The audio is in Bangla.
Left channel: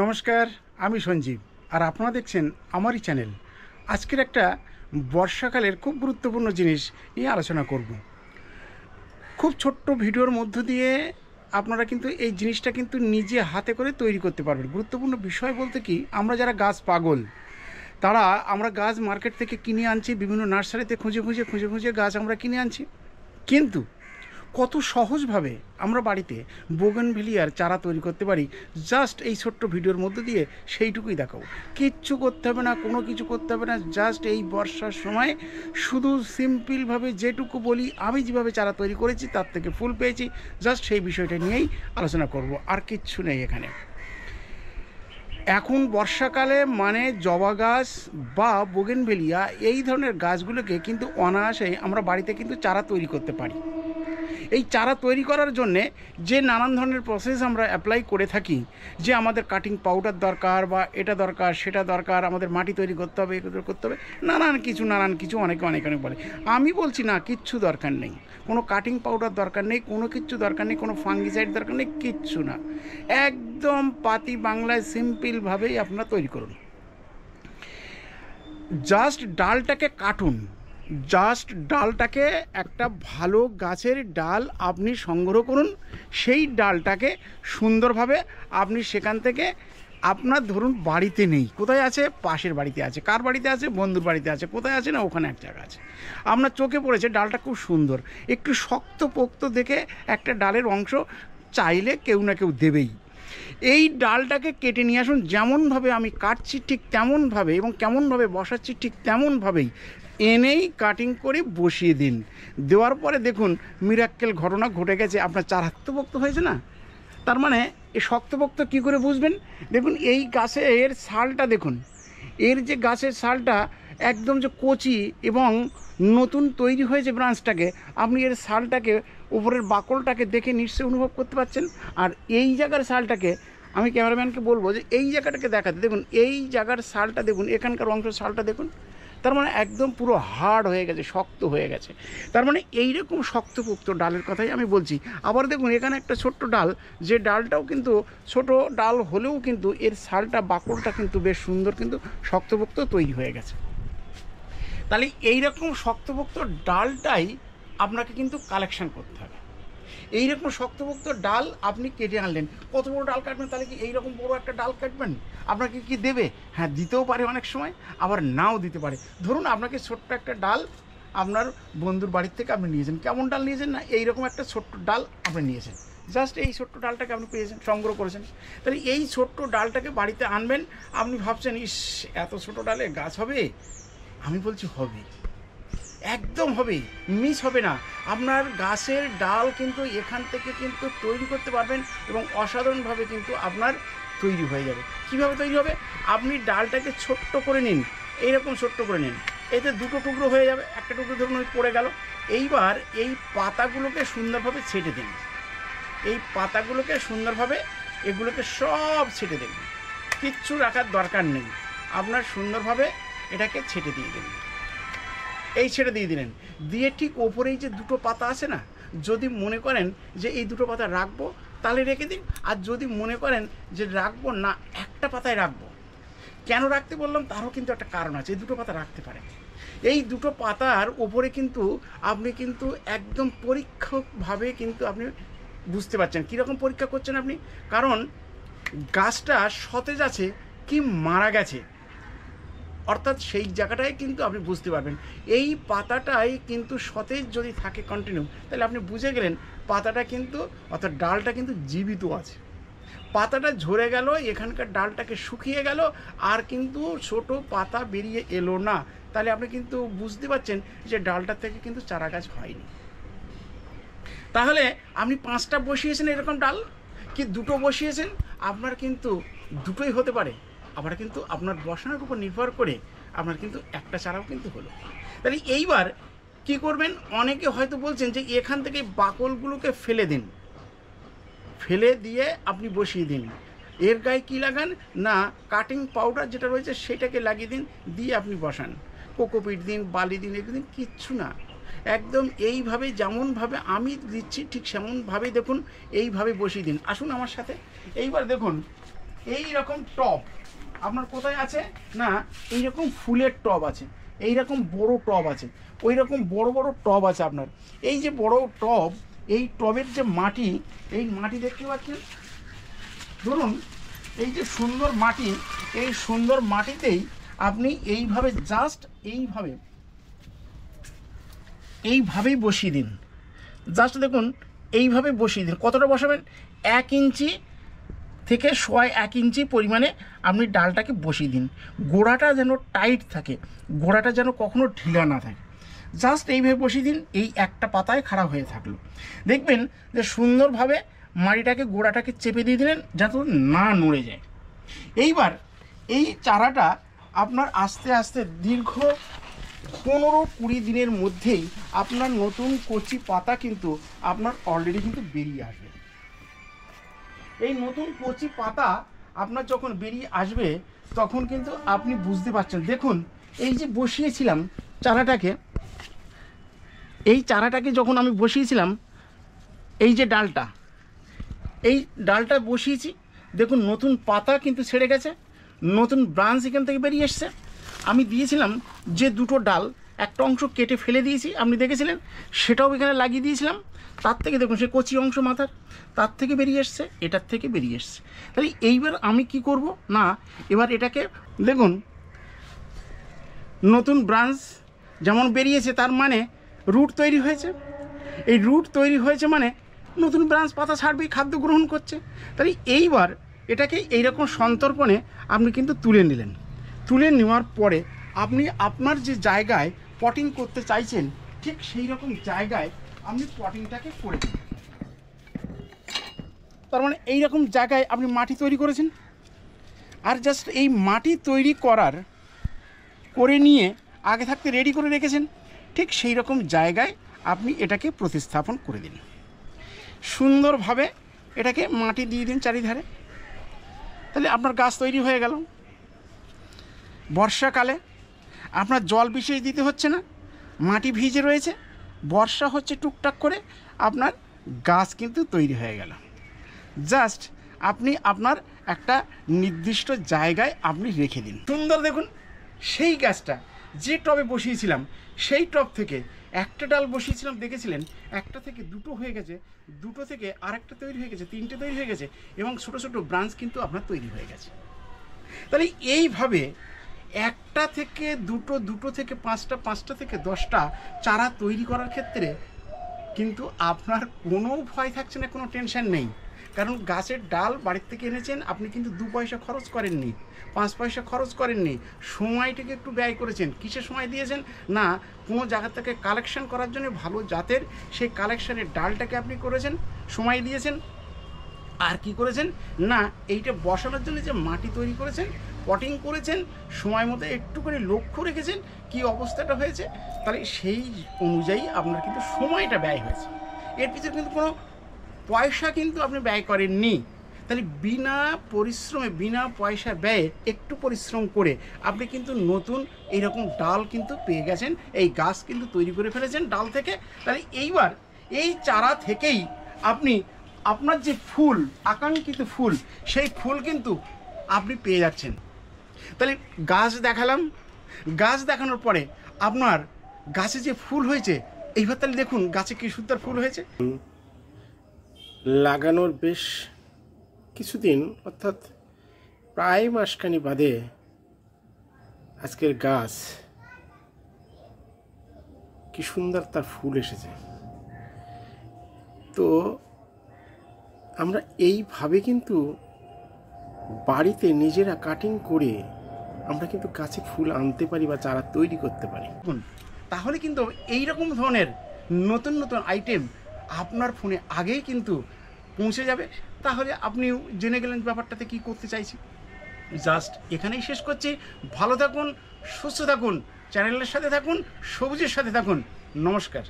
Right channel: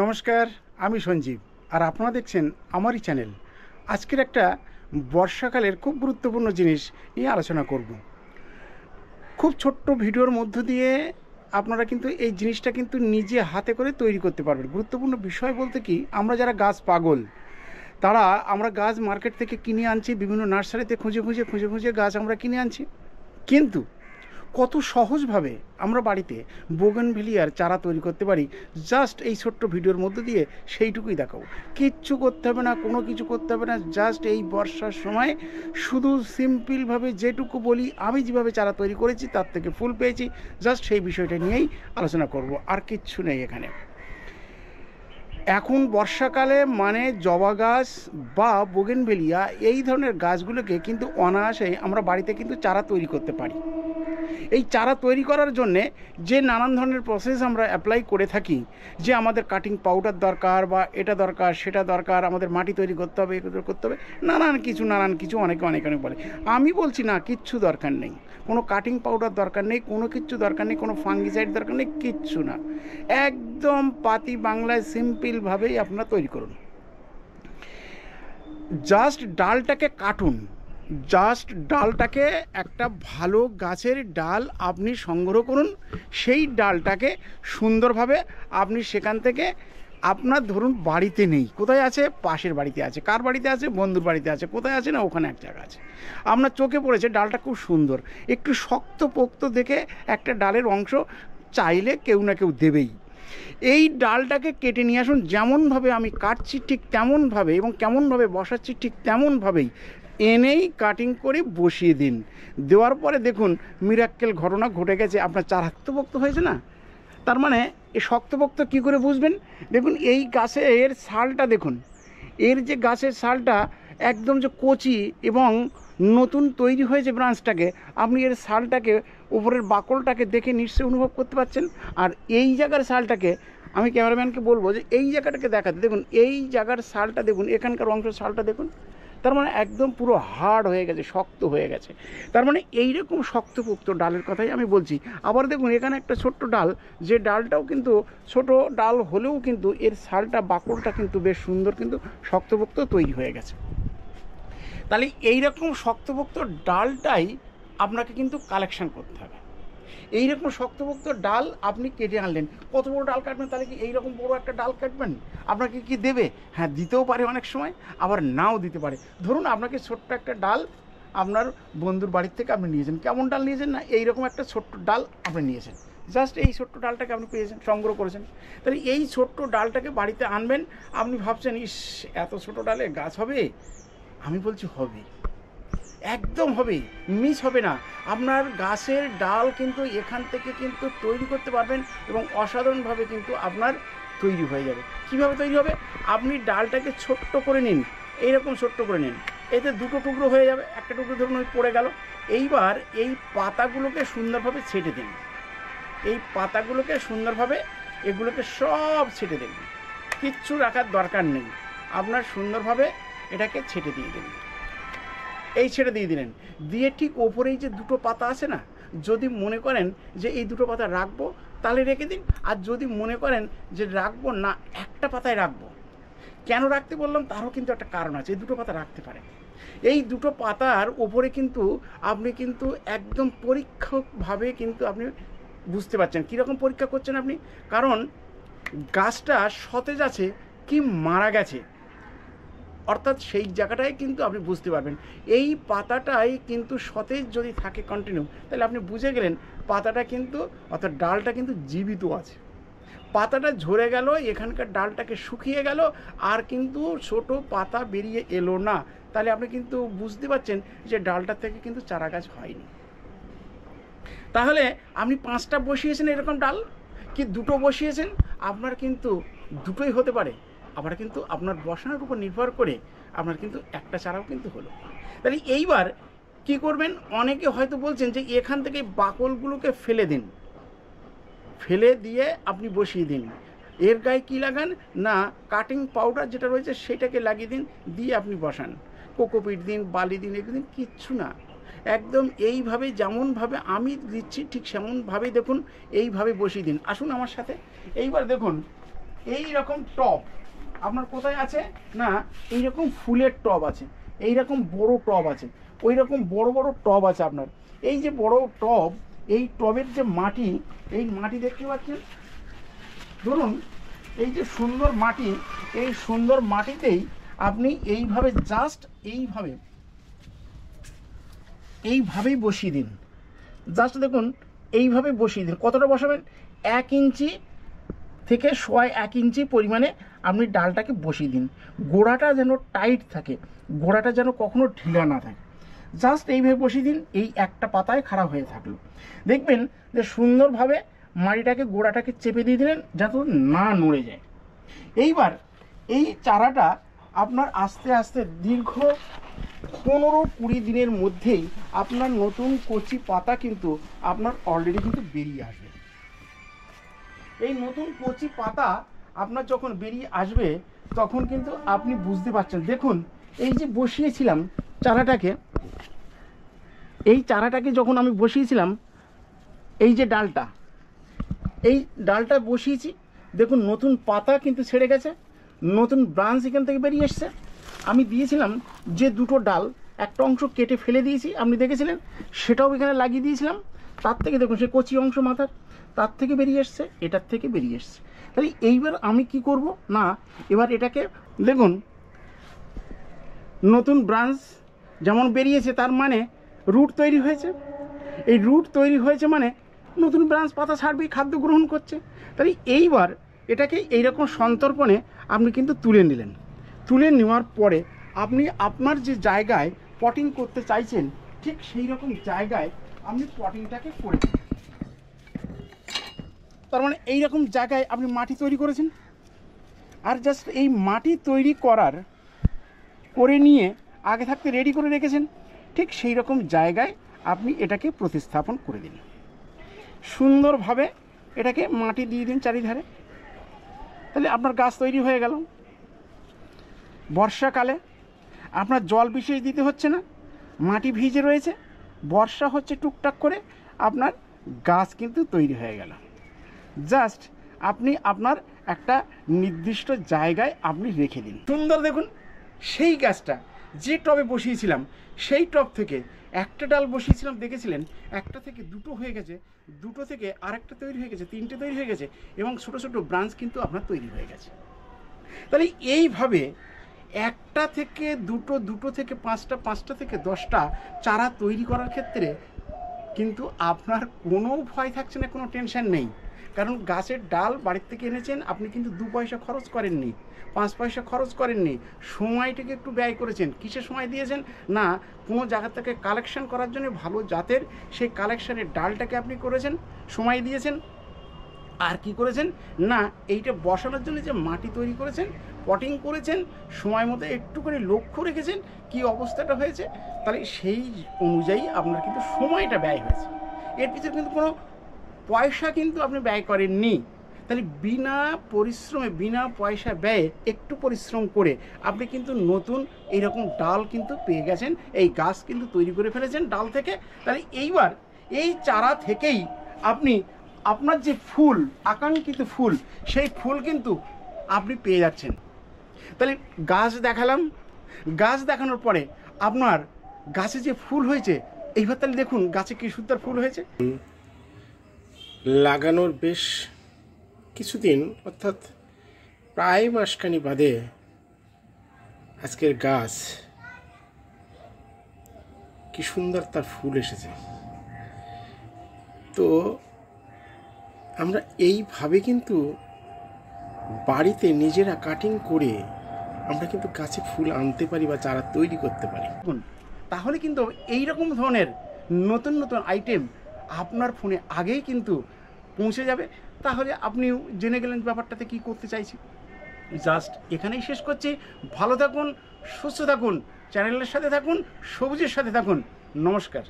নমস্কার, আমি সঞ্জীব আর আপনারা দেখছেন আমারই চ্যানেল। আজকের একটা বর্ষাকালের খুব গুরুত্বপূর্ণ জিনিস নিয়ে আলোচনা করব। খুব ছোট্ট ভিডিওর মধ্য দিয়ে আপনারা কিন্তু এই জিনিসটা কিন্তু নিজে হাতে করে তৈরি করতে পারবেন। গুরুত্বপূর্ণ বিষয় বলতে কি, আমরা যারা গাছ পাগল আমরা গাছ মার্কেট থেকে কিনে আনছি, বিভিন্ন নার্সারিতে খুঁজে খুঁজে গাছ আমরা কিনে আনছি, কিন্তু কত সহজভাবে আমরা বাড়িতে বোগেনভিলিয়ার চারা তৈরি করতে পারি জাস্ট এই ছোট্ট ভিডিওর মধ্যে দিয়ে সেইটুকুই দেখাবো। কিচ্ছু করতে হবে না, কোনো কিছু করতে হবে না, জাস্ট এই বর্ষার সময় শুধু সিম্পলভাবে যেটুকু বলি, আমি যেভাবে চারা তৈরি করেছি তার থেকে ফুল পেয়েছি, জাস্ট সেই বিষয়টা নিয়েই আলোচনা করব, আর কিচ্ছু নেই এখানে। এখন বর্ষাকালে মানে জবা গাছ বা বোগেনভিলিয়া এই ধরনের গাছগুলোকে কিন্তু অনায়াসেই আমরা বাড়িতে কিন্তু চারা তৈরি করতে পারি। এই চারা তৈরি করার জন্যে যে নানান ধরনের প্রসেস আমরা অ্যাপ্লাই করে থাকি, যে আমাদের কাটিং পাউডার দরকার বা এটা দরকার সেটা দরকার, আমাদের মাটি তৈরি করতে হবে, করতে হবে, নানান কিছু অনেকে অনেক বলে। আমি বলছি না, কিচ্ছু দরকার নেই, কোনো কাটিং পাউডার দরকার নেই, কোনো কিচ্ছু দরকার নেই, কোনো ফাঙ্গিসাইড দরকার নেই, কিচ্ছু না। একদম পাতি বাংলায় সিম্পলভাবেই আপনারা তৈরি করুন। জাস্ট ডালটাকে কাটুন, জাস্ট ডালটাকে একটা ভালো গাছের ডাল আপনি সংগ্রহ করুন, সেই ডালটাকে সুন্দরভাবে আপনি সেখান থেকে আপনার ধরুন বাড়িতে নেই, কোথায় আছে, পাশের বাড়িতে আছে, কার বাড়িতে আছে, বন্ধুর বাড়িতে আছে, কোথায় আছে না ওখানে এক জায়গা আছে, আপনার চোখে পড়েছে ডালটা খুব সুন্দর, একটু শক্ত পোক্ত দেখে একটা ডালের অংশ চাইলে কেউ না কেউ দেবেই। এই ডালটাকে কেটে নিয়ে আসুন, যেমনভাবে আমি কাটছি ঠিক তেমনভাবে এবং কেমনভাবে বসাচ্ছি ঠিক তেমনভাবেই এনেই কাটিং করে বসিয়ে দিন। দেওয়ার পরে দেখুন মিরাক্কেল ঘটনা ঘটে গেছে, আপনার চারা শক্তপোক্ত হয়েছে না। তার মানে এই শক্তপোক্ত কী করে বুঝবেন? দেখুন এই গাছের ছালটা দেখুন, এর যে গাছের ছালটা একদম যে কচি এবং নতুন তৈরি হয়েছে ব্রাঞ্চটাকে, আপনি এর ছালটাকে উপরের বাকলটাকে দেখে নিশ্চয়ই অনুভব করতে পারছেন। আর এই জায়গার ছালটাকে আমি ক্যামেরাম্যানকে বলবো যে এই জায়গাটাকে দেখাতে, দেখুন এই জায়গার ছালটা দেখুন, এখানকার অংশ ছালটা দেখুন, তার মানে একদম পুরো হার্ড হয়ে গেছে, শক্ত হয়ে গেছে। তার মানে এইরকম শক্তপোক্ত ডালের কথাই আমি বলছি। আবার দেখুন এখানে একটা ছোট্ট ডাল, যে ডালটাও কিন্তু ছোট ডাল হলেও কিন্তু এর ছালটা বাকলটা কিন্তু বেশ সুন্দর, কিন্তু শক্তপোক্ত তৈরি হয়ে গেছে। তাহলে এইরকম শক্তপোক্ত ডালটাই আপনাকে কিন্তু কালেকশন করতে হবে। এইরকম শক্তপোক্ত ডাল আপনি কেটে আনলেন, কত বড় ডাল কাটবেন? তাহলে কি এইরকম বড় একটা ডাল কাটবেন? আপনাকে কি দেবে? হ্যাঁ, দিতেও পারে অনেক সময়, আবার নাও দিতে পারে। ধরুন আপনাকে ছোট্ট একটা ডাল আপনার বন্ধুর বাড়ির থেকে আপনি নিয়েছেন, কেমন ডাল নিয়েছেন না, এইরকম একটা ছোট্ট ডাল আপনি নিয়েছেন, জাস্ট এই ছোট্ট ডালটাকে আপনি পেয়েছেন, সংগ্রহ করেছেন। তাহলে এই ছোট্ট ডালটাকে বাড়িতে আনবেন। আপনি ভাবছেন ইস এত ছোট ডালে গাছ হবে? আমি বলছি হবে, একদম হবে, মিস হবে না। আপনার গাছের ডাল কিন্তু এখান থেকে কিন্তু তৈরি করতে পারবেন এবং অসাধারণভাবে কিন্তু আপনার তৈরি হয়ে যাবে। কিভাবে তৈরি হবে? আপনি ডালটাকে ছোট্ট করে নিন, এইরকম ছোট্ট করে নিন, এতে দুটো টুকরো হয়ে যাবে, একটা টুকরো ধরুন ওই পড়ে গেল। এইবার এই পাতাগুলোকে সুন্দরভাবে ছেটে দিন, এই পাতাগুলোকে সুন্দরভাবে এগুলোকে সব ছেটে দিন, কিচ্ছু রাখার দরকার নেই, আপনার সুন্দরভাবে এটাকে ছেটে দিয়ে দিন। এই ছেড়ে দিয়ে দিলেন, দিয়ে ঠিক ওপরেই যে দুটো পাতা আছে না, যদি মনে করেন যে এই দুটো পাতা রাখবো তাহলে রেখে দিন, আর যদি মনে করেন যে রাখবো না, একটা পাতায় রাখবো। কেন রাখতে বললাম তারও কিন্তু একটা কারণ আছে, এই দুটো পাতা রাখতে পারেন। এই দুটো পাতার ওপরে কিন্তু আপনি কিন্তু একদম পরীক্ষকভাবে কিন্তু আপনি বুঝতে পারছেন। কীরকম পরীক্ষা করছেন আপনি? কারণ গাছটা সতেজ আছে কি মারা গেছে, অর্থাৎ সেই জায়গাটায় কিন্তু আপনি বুঝতে পারবেন। এই পাতাটাই কিন্তু সতেজ যদি থাকে কন্টিনিউ, তাহলে আপনি বুঝে গেলেন পাতাটা কিন্তু, অর্থাৎ ডালটা কিন্তু জীবিত আছে। পাতাটা ঝরে গেল, এখানকার ডালটাকে শুকিয়ে গেল, আর কিন্তু ছোট পাতা বেরিয়ে এলো না, তাহলে আপনি কিন্তু বুঝতে পারছেন যে ডালটা থেকে কিন্তু চারা গাছ হয়নি। তাহলে আপনি 5টা বসিয়েছেন এরকম ডাল, কি 2টো বসিয়েছেন, আপনার কিন্তু দুটোই হতে পারে। আবার কিন্তু আপনার বসানোর উপর নির্ভর করে আপনার কিন্তু একটা চারাও কিন্তু হলো। তাহলে এইবার কি করবেন? অনেকে হয়তো বলছেন যে এখান থেকে বাকলগুলোকে ফেলে দিন, ফেলে দিয়ে আপনি বসিয়ে দিন। এর গায়ে কী লাগান না, কাটিং পাউডার যেটা রয়েছে সেটাকে লাগিয়ে দিন, দিয়ে আপনি বসান, কোকোপিট দিন, বালি দিন, এগুলো দিন, কিচ্ছু না। একদম এইভাবে যেমনভাবে আমি দিচ্ছি ঠিক সেমনভাবেই দেখুন এইভাবে বসিয়ে দিন। আসুন আমার সাথে। এইবার দেখুন এই রকম টব আপনার কোথায় আছে না, এই রকম ফুলের টব আছে, এই রকম বড় টব আছে, ওই রকম বড় বড় টব আছে আপনার। এই যে বড় টব, এই টবের যে মাটি, এই মাটি দেখতে পাচ্ছেন, ধরুন এই যে সুন্দর মাটি, এই সুন্দর মাটিতেই আপনি এইভাবে জাস্ট এইভাবেই বসিয়ে দিন। জাস্ট দেখুন এইভাবে বসিয়ে দিন। কতটা বসাবেন? 1 ইঞ্চি থেকে 1.25 ইঞ্চি পরিমাণে আপনি ডালটাকে বসিয়ে দিন। গোড়াটা যেন টাইট থাকে, গোড়াটা যেন কখনো ঢিলা না থাকে। জাস্ট এইভাবে বসিয়ে দিন, এই একটা পাতায় খাড়া হয়ে থাকলো। দেখবেন যে সুন্দরভাবে মাটিটাকে, গোড়াটাকে চেপে দিয়ে দিলেন যাতে না নড়ে যায়। এইবার এই চারাটা আপনার আস্তে আস্তে দীর্ঘ 15-20 দিনের মধ্যেই আপনার নতুন কচি পাতা কিন্তু আপনার অলরেডি কিন্তু বেরিয়ে আসবে। এই নতুন কচি পাতা আপনার যখন বেরিয়ে আসবে তখন কিন্তু আপনি বুঝতে পারছেন। দেখুন এই যে বসিয়েছিলাম চারাটাকে, এই চারাটাকে যখন আমি বসিয়েছিলাম, এই যে ডালটা বসিয়েছি, দেখুন নতুন পাতা কিন্তু ছেড়ে গেছে, নতুন ব্রাঞ্চ এখান থেকে বেরিয়ে এসছে। আমি দিয়েছিলাম যে 2টো ডাল, একটা অংশ কেটে ফেলে দিয়েছি, আপনি দেখেছিলেন, সেটাও এখানে লাগিয়ে দিয়েছিলাম। তার থেকে দেখুন সে কচি অংশ মাথার, তার থেকে বেরিয়ে এসছে, এটার থেকে বেরিয়ে এসছে। তাহলে এইবার আমি কি করব না, এবার এটাকে দেখুন নতুন ব্রাঞ্চ যেমন বেরিয়েছে, তার মানে রুট তৈরি হয়েছে। এই রুট তৈরি হয়েছে মানে নতুন ব্রাঞ্চ পাতা ছাড়বেই, খাদ্য গ্রহণ করছে। তাহলে এইবার এটাকে এইরকম সন্তর্পণে আপনি কিন্তু তুলে নিলেন। তুলে নেওয়ার পরে আপনি আপনার যে জায়গায় পটিং করতে চাইছেন ঠিক সেই রকম জায়গায় আপনি পটিংটাকে করে দিন। তার মানে এই রকম জায়গায় আপনি মাটি তৈরি করেছেন, আর জাস্ট এই মাটি তৈরি করে নিয়ে আগে থাকতে রেডি করে রেখেছেন, ঠিক সেই রকম জায়গায় আপনি এটাকে প্রতিস্থাপন করে দিন। সুন্দরভাবে এটাকে মাটি দিয়ে দিন চারিধারে, তাহলে আপনার গাছ তৈরি হয়ে গেল। বর্ষাকালে আপনার জল বিশেষ দিতে হচ্ছে না, মাটি ভিজে রয়েছে, বর্ষা হচ্ছে টুকটাক করে, আপনার গাছ কিন্তু তৈরি হয়ে গেল। জাস্ট আপনি আপনার একটা নির্দিষ্ট জায়গায় আপনি রেখে দিন। সুন্দর দেখুন সেই গাছটা যে টবে বসিয়েছিলাম, সেই টব থেকে একটা ডাল বসিয়েছিলাম, দেখেছিলেন একটা থেকে 2টো হয়ে গেছে, 2টো থেকে আরেকটা তৈরি হয়ে গেছে, 3টে তৈরি হয়ে গেছে, এবং ছোটো ছোটো ব্রাঞ্চ কিন্তু আপনার তৈরি হয়ে গেছে। তাহলে এইভাবে 1টা থেকে 2টো, 2টো থেকে 5টা, 5টা থেকে 10টা চারা তৈরি করার ক্ষেত্রে কিন্তু আপনার কোনো ভয় থাকছে না, কোনো টেনশন নেই। কারণ গাছের ডাল বাড়ির থেকে এনেছেন, আপনি কিন্তু 2 পয়সা খরচ করেননি, 5 পয়সা খরচ করেননি, সময়টাকে একটু ব্যয় করেছেন। কিসের সময় দিয়েছেন না, কোনো জায়গা থেকে কালেকশন করার জন্য ভালো জাতের সেই কালেকশনের ডালটাকে আপনি করেছেন, সময় দিয়েছেন। আর কি করেছেন না, এইটা বসানোর জন্য যে মাটি তৈরি করেছেন, পটিং করেছেন, সময় মতো একটু করে লক্ষ্য রেখেছেন কি অবস্থাটা হয়েছে, তাহলে সেই অনুযায়ী আপনার কিন্তু সময়টা ব্যয় হয়েছে। এর পিছনে কিন্তু কোনো পয়সা কিন্তু আপনি ব্যয় করেননি। তাহলে বিনা পরিশ্রমে, বিনা পয়সা ব্যয়ে একটু পরিশ্রম করে আপনি কিন্তু নতুন এইরকম ডাল কিন্তু পেয়ে গেছেন, এই গাছ কিন্তু তৈরি করে ফেলেছেন ডাল থেকে। তাহলে এইবার এই চারা থেকেই আপনি আপনার যে ফুল, আকাঙ্ক্ষিত ফুল, সেই ফুল কিন্তু আপনি পেয়ে যাচ্ছেন। তাহলে গাছ দেখালাম, গাছ দেখানোর পরে আপনার গাছে যে ফুল হয়েছে, এইবার তাহলে দেখুন গাছে কি সুন্দর ফুল হয়েছে। লাগানোর বেশ কিছুদিন, অর্থাৎ প্রায় মাসখানি বাদে আজকের গাছ কি সুন্দর তার ফুল এসেছে। তো আমরা এইভাবে কিন্তু বাড়িতে নিজেরা কাটিং করে আমরা কিন্তু গাছে ফুল আনতে পারি বা চারা তৈরি করতে পারি। তাহলে কিন্তু এই রকম ধরনের নতুন নতুন আইটেম আপনার ফোনে আগেই কিন্তু পৌঁছে যাবে। তাহলে আপনি জেনে গেলেন ব্যাপারটাতে কি করতে চাইছি। জাস্ট এখানেই শেষ করছি। ভালো থাকুন, সুস্থ থাকুন, চ্যানেলের সাথে থাকুন, সবুজের সাথে থাকুন। নমস্কার।